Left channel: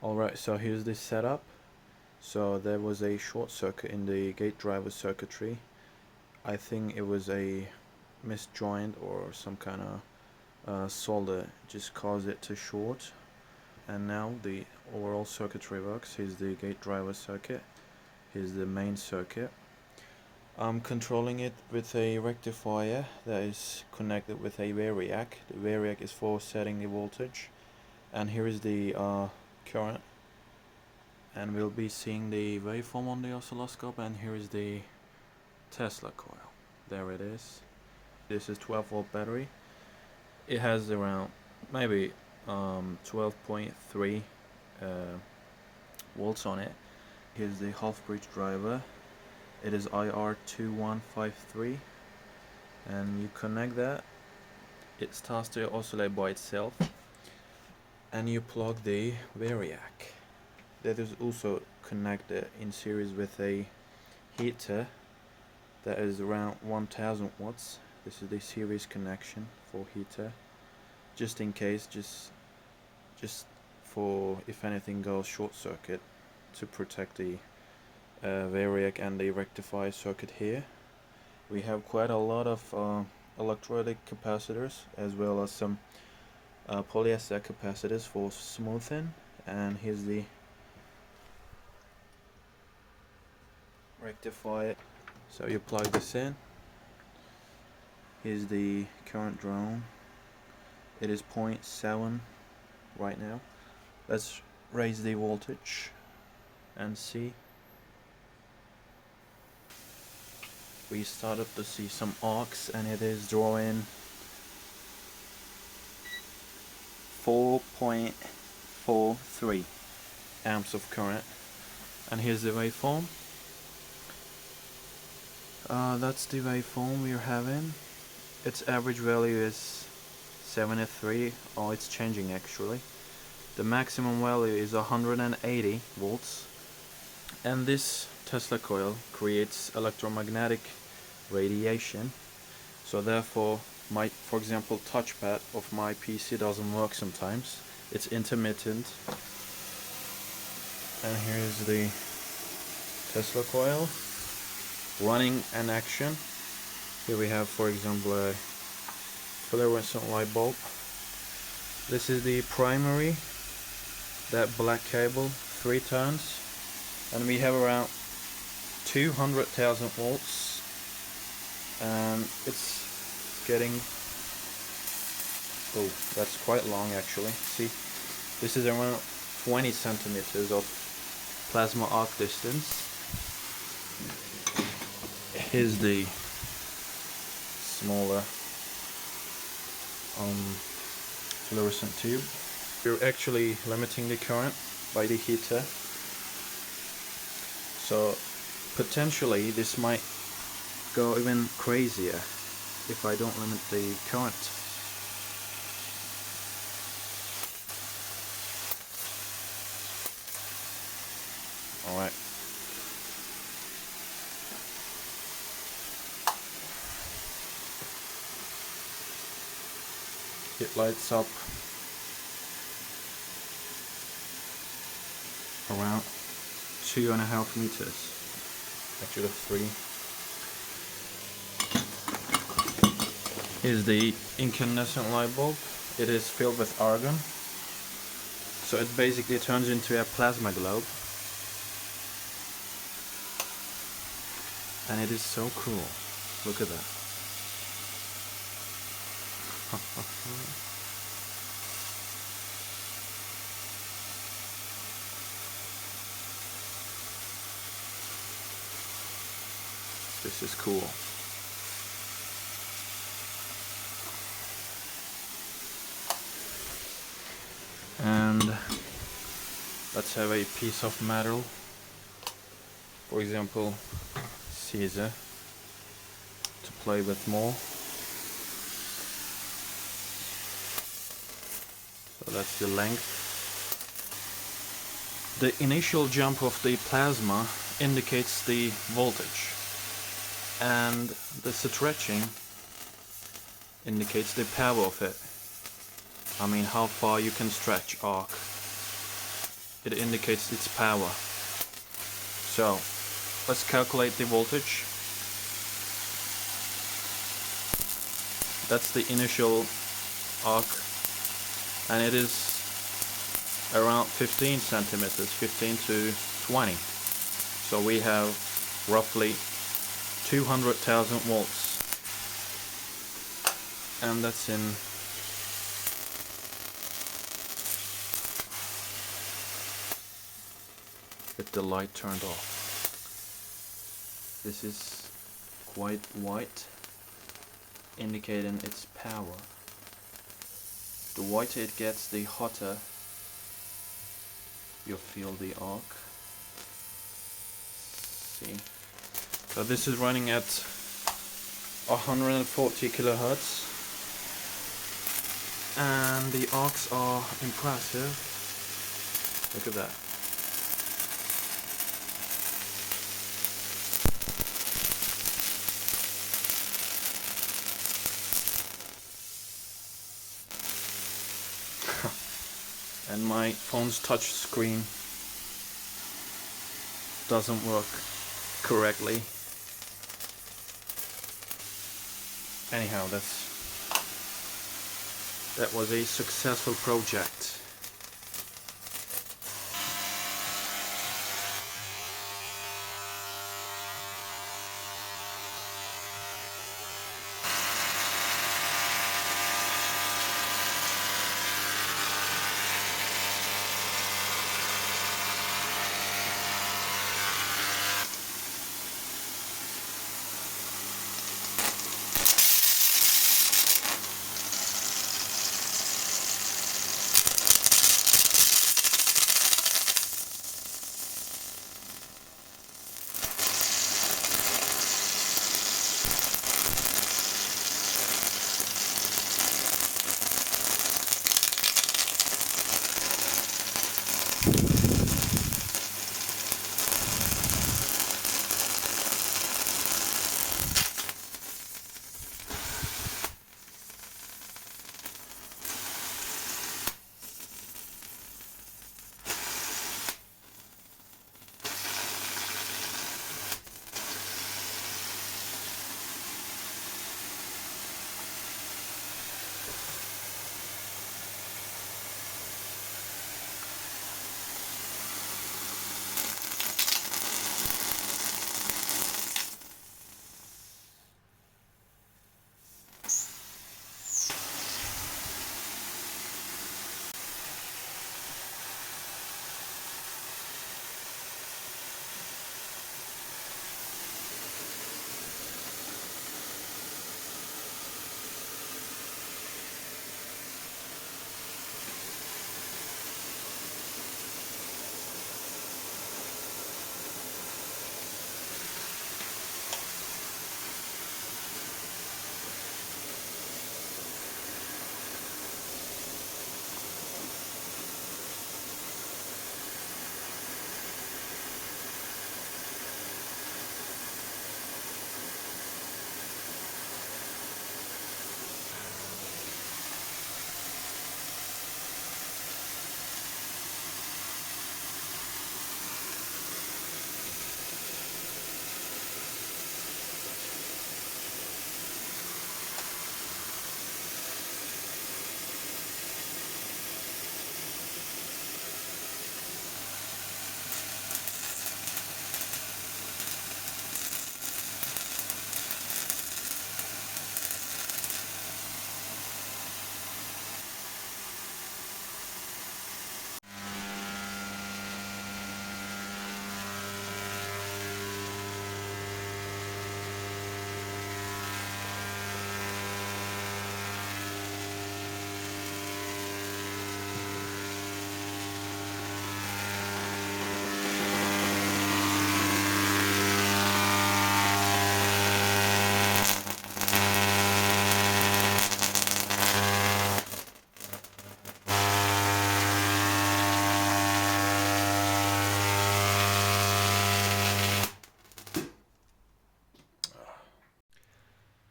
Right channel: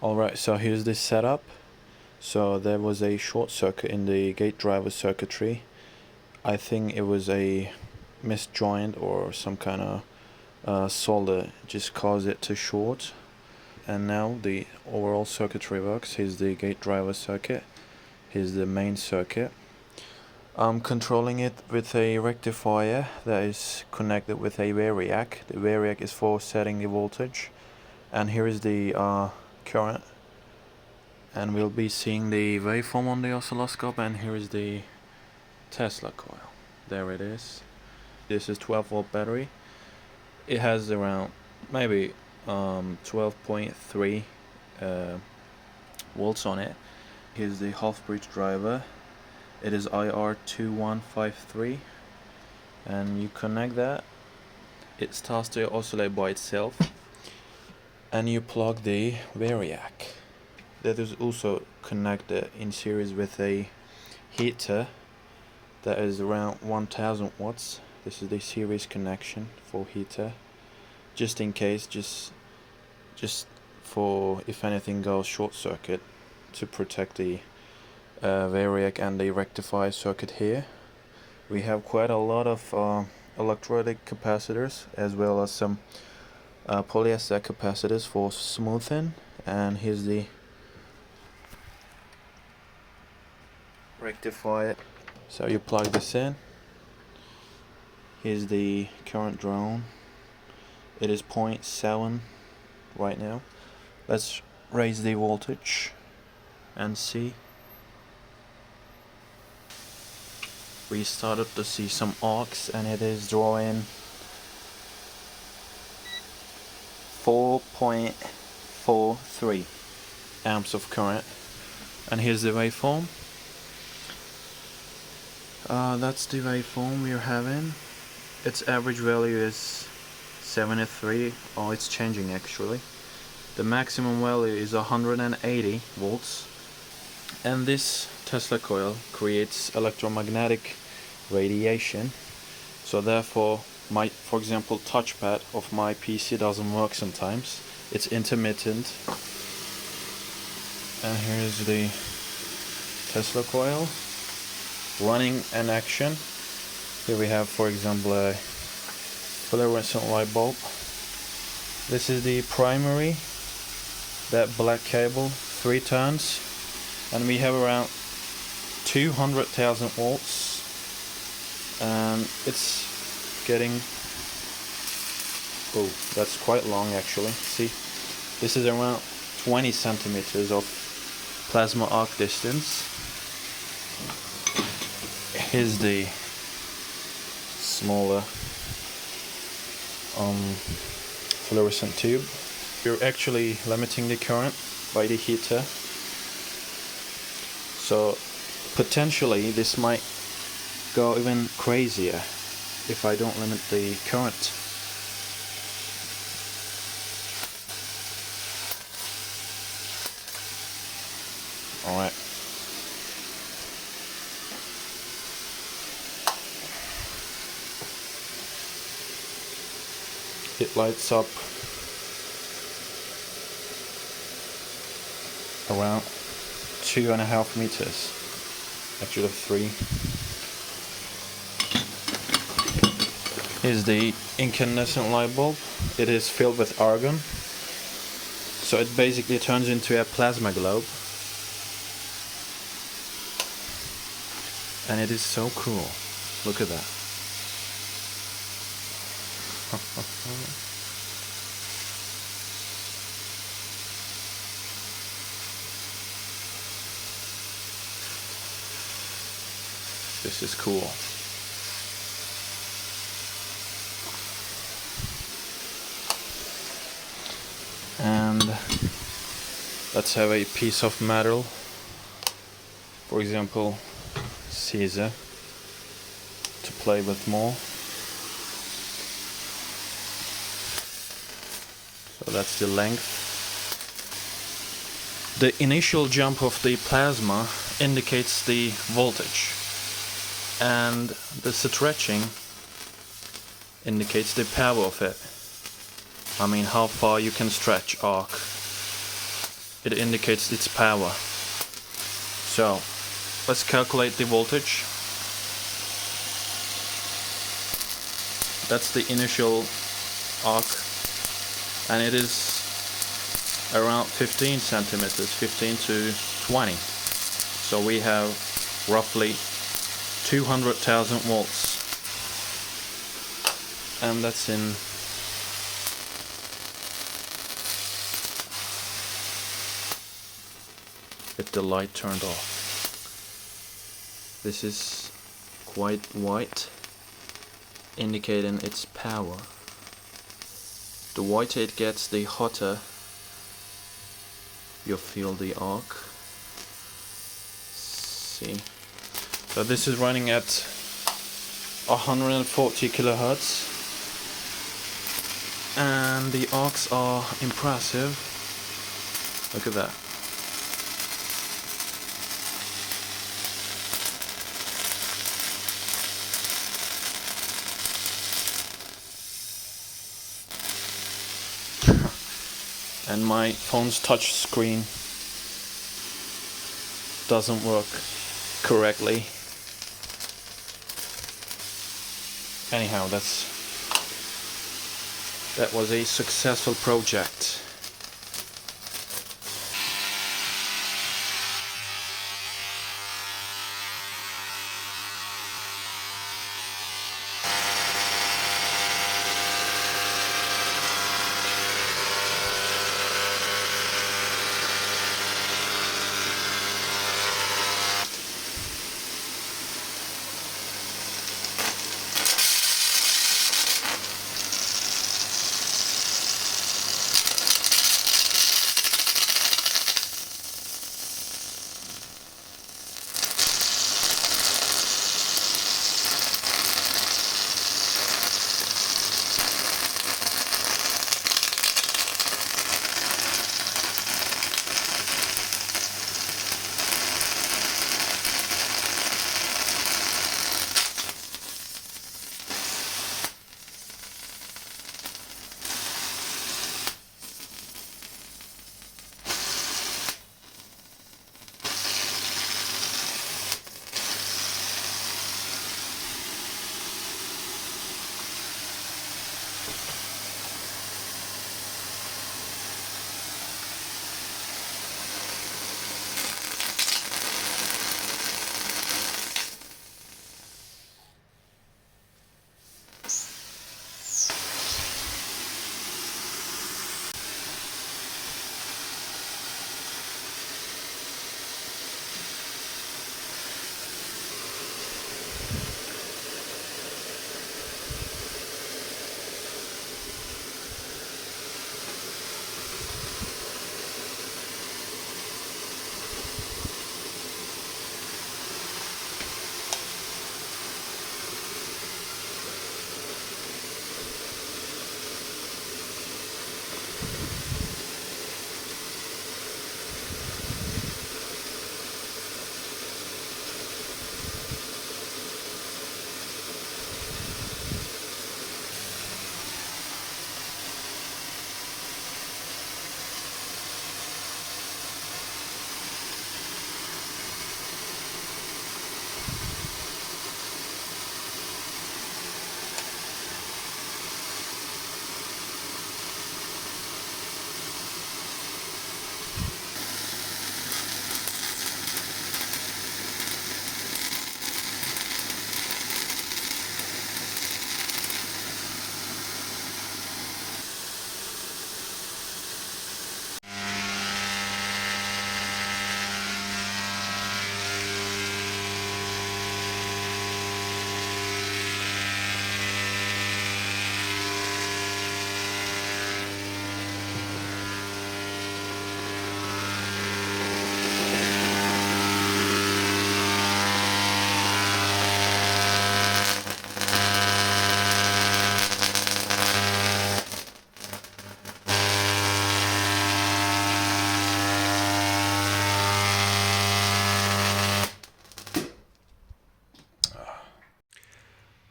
Alright, so here's the setup. So there was a short circuit in the gate driver circuitry. I think it was a misjoint or some kind of solder just caused it to short. And now the overall circuitry works. Here's the gate driver circuit. Here's the main circuit. I'm controlling it with a rectifier that is connected with a variac. The variac is for setting the voltage. And here is the current. And we'll be seeing the waveform on the oscilloscope, and here is the Tesla coil. There it is. This is 12 volt battery. It has around maybe 12.3 volts on it. Here's the half bridge driver. It is IR2153, and you connect that. It starts to oscillate by itself, and you plug the variac. That is also connected in series with a heater that is around 1000 watts. This is the series connection for heater, just in case, just for if anything goes short circuit, to protect the variac and the rectifier circuit. Here we have quite a lot of electrolytic capacitors, as well as some polyester capacitors for smoothing. And here's the rectifier. So you plug this in. Here's the current drawn. It is 0.7 right now. Let's raise the voltage and see. We started to see some arcs, and it is drawing 4.43 amps of current. And here's the waveform. That's the waveform we're having. Its average value is 73. Oh, it's changing actually. The maximum value is 180 volts. And this Tesla coil creates electromagnetic radiation. So therefore, for example, touchpad of my PC doesn't work sometimes. It's intermittent. And here's the Tesla coil running an action. Here we have, for example, a fluorescent light bulb. This is the primary, that black cable, 3 turns, and we have around 200,000 volts, and it's getting, oh, that's quite long actually. See, this is around 20 centimeters of plasma arc distance. Here's the smaller fluorescent tube. We're actually limiting the current by the heater, so potentially this might go even crazier if I don't limit the current. Alright. It lights up around 2.5 meters, actually 3. Here's the incandescent light bulb. It is filled with argon, so it basically turns into a plasma globe, and it is so cool. Look at that. This is cool. And let's have a piece of metal, for example Caesar, to play with more. So that's the length. The initial jump of the plasma indicates the voltage, and the stretching indicates the power of it. I mean, how far you can stretch arc. it indicates its power. So let's calculate the voltage. That's the initial arc, and it is around 15 centimeters, 15 to 20. So we have roughly 200,000 volts, and that's in with the light turned off. This is quite white, indicating its power. The whiter it gets, the hotter you'll feel the arc. See, so this is running at 140 kilohertz, and the arcs are impressive. Look at that. And my phone's touch screen doesn't work correctly. Anyhow, that was a successful project.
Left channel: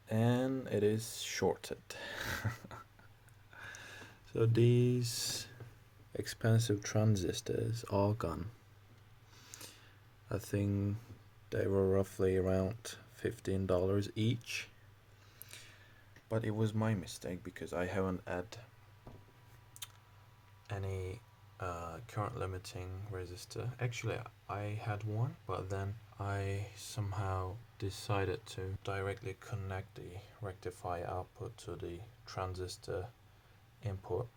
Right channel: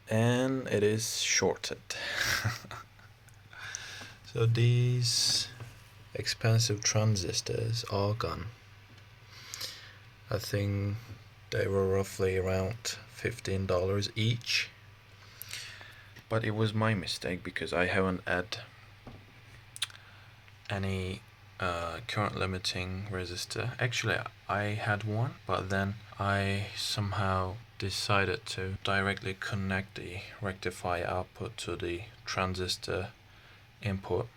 And it is shorted. So these expensive transistors are gone. I think they were roughly around $15 each. But it was my mistake because I haven't had any current limiting resistor. Actually, I had one, but then I somehow decided to directly connect the rectifier output to the transistor input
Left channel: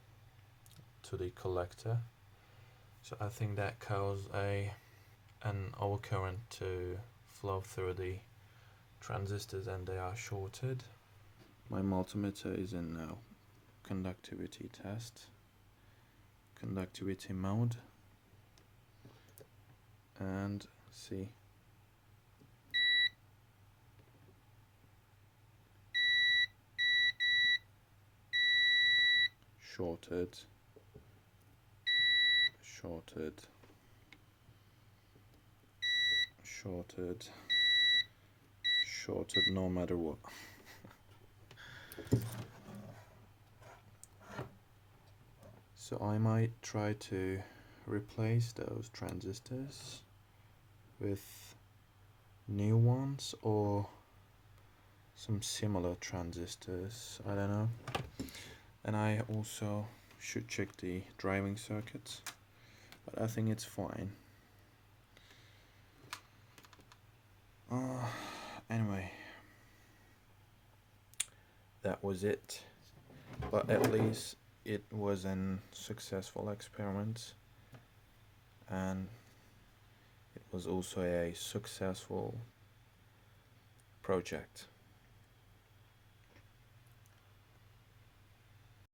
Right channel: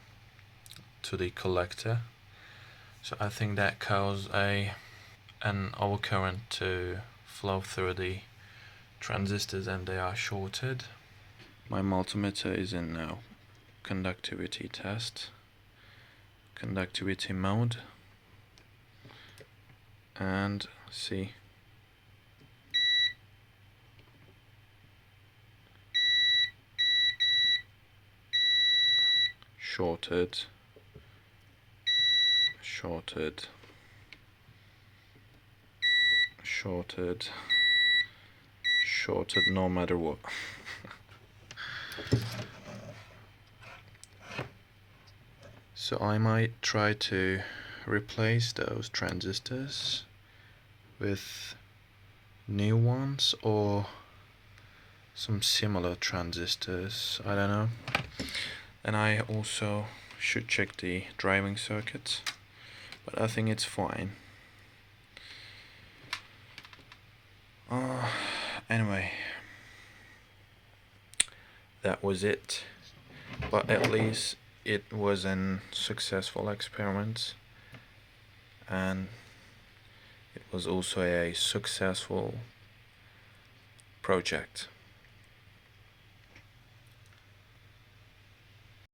to the collector. So I think that caused an overcurrent to flow through the transistors and they are shorted. My multimeter is in now conductivity test, conductivity mode, and see, shorted, shorted, shorted, shorted no matter what. So I might try to replace those transistors with new ones or some similar transistors, I don't know. And I also should check the driving circuits, but I think it's fine. Anyway, that was it, but at least it was an successful experiment, and it was also a successful project.